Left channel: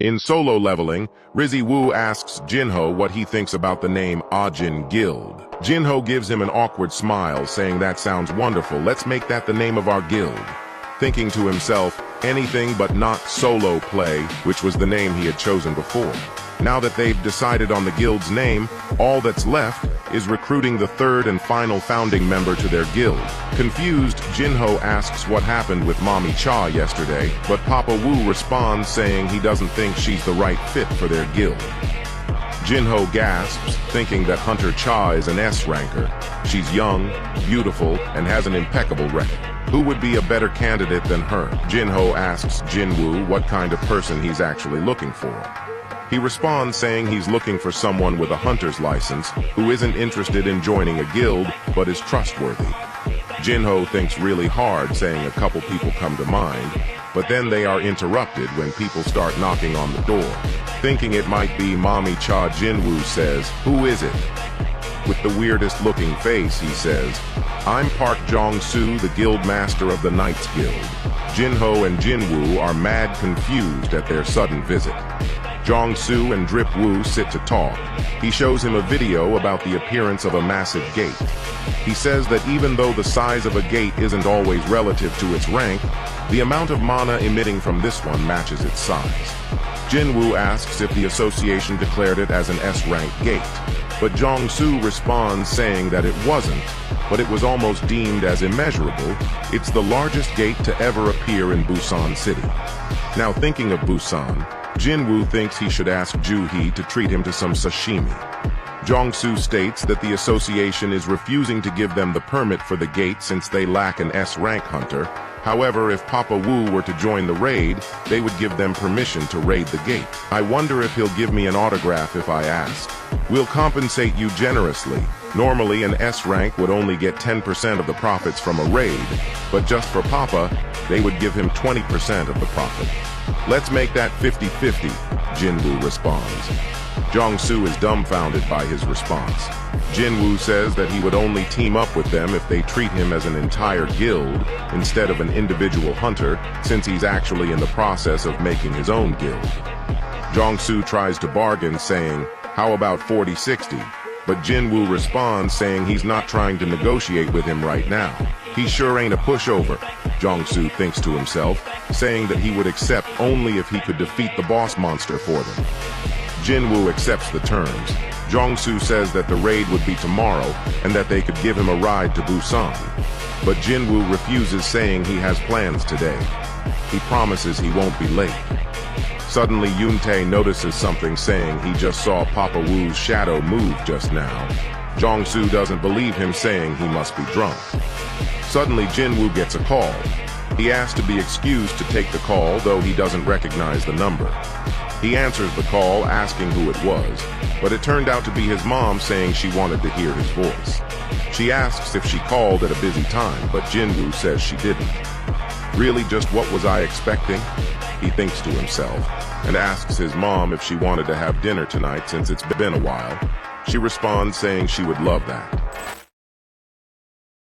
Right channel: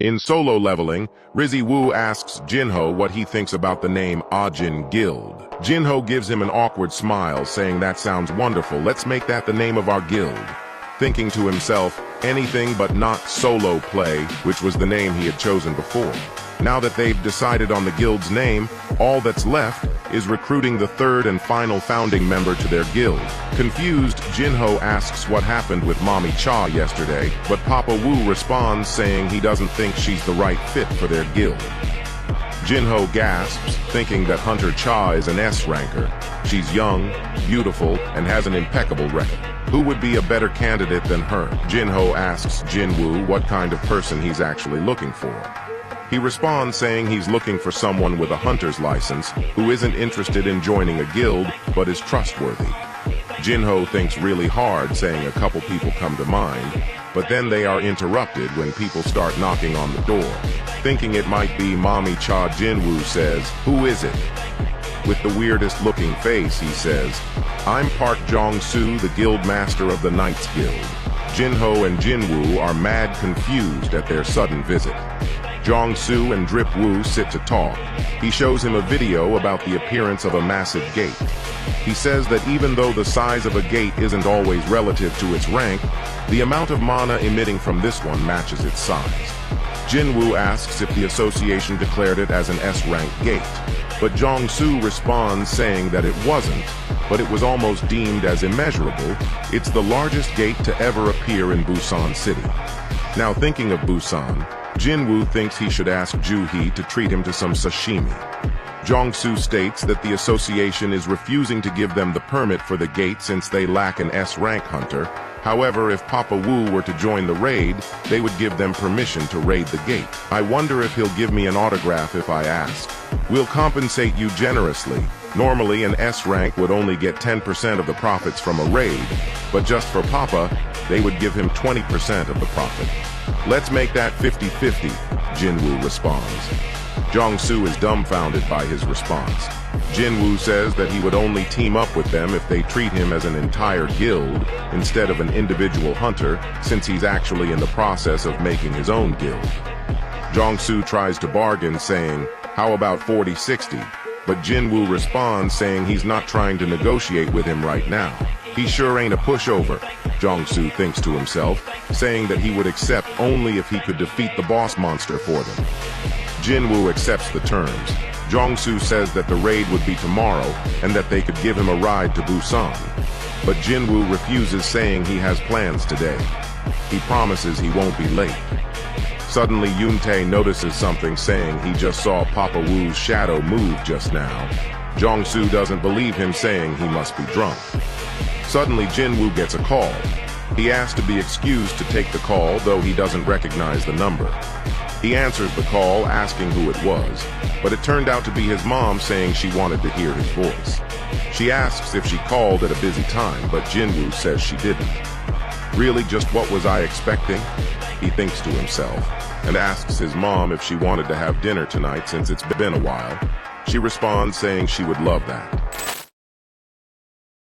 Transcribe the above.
In Solo Leveling, Rizzy Woo asks Jinho what he thinks about the name Ajin Guild. Jinho gives him an awkward smile, saying that sounds wonderful, let's make that the name of our guild. Thinking to himself, anything but not solo play, which was the name he had chosen before. Now that they've decided on the guild's name, all that's left is recruiting the third and final founding member to their guild. Confused, Jinho asks what happened with Mommy Cha yesterday, but Papa Wu responds saying he doesn't think she's the right fit for their guild. Jinho gasps, thinking that Hunter Cha is an S-ranker. She's young, beautiful, and has an impeccable record. Who would be a better candidate than her? Jinho asks Jin Woo what kind of person he's actually looking for. He responds saying he's looking for someone with a hunter's license who isn't interested in joining a guild but is trustworthy. Jinho thinks really hard, saying a couple people come to mind, but then they are interrupted when people start knocking on the door. Thinking it might be Mommy Cha, Jin Woo says, "Who is it?" With the weirdest looking face, he says, "I'm Park Jong-soo, the guild master of the Knights Guild." Jinho and Jin Woo are mad confused at their sudden visit. Jong-soo and Drip Woo sit to talk. He shows him a video about the appearance of a massive gate. He says that even though the size of a gate isn't always relative to its rank, the amount of mana emitting from this one matches its size. Jin Woo asks if the association declared it as an S-rank gate, but Jong-soo responds saying that it wasn't, but it was almost deemed as immeasurable. It's the largest gate to ever appear in Busan City. Now thinking of Busan, Jin Woo thinks he should ask Ju-hee to treat him to some sashimi. Jong-soo states that the association is refusing to give them the permit for the gate since they lack an S-rank hunter. However, if Papa Wu were to join the raid, they would give them permission to raid the gate. I wonder if he'll give me an autograph if I ask. We'll compensate you generously. Normally, an S-rank would only get 10% of the profits from a raid, but just for Papa, they would give him 20% of the profit. Let's make that 50-50, Jin Woo responds. Jong-soo is dumbfounded by his response. Jin Woo says that he would only team up with them if they treat him as an entire guild instead of an individual hunter, since he's actually in the process of making his own guild. Jong-soo tries to bargain, saying, "How about 40-60? But Jin Woo responds saying he's not trying to negotiate with him right now. He sure ain't a pushover, Jong-soo thinks to himself, saying that he would accept only if he could defeat the boss monster for them. Jin Woo accepts the terms. Jong-soo says that the raid would be tomorrow and that they could give him a ride to Busan. But Jin Woo refuses, saying he has plans today. He promises he won't be late. Suddenly, Yoon-tae notices something, saying he just saw Papa Wu's shadow move just now. Jong-soo doesn't believe him, saying he must be drunk. Suddenly, Jin Woo gets a call. He asks to be excused to take the call, though he doesn't recognize the number. He answers the call, asking who it was, but it turned out to be his mom, saying she wanted to hear his voice. She asks if she called at a busy time, but Jin Woo says she didn't. Really, just what was I expecting? He thinks to himself, and asks his mom if she wanted to have dinner tonight since it's been a while. She responds saying she would love that.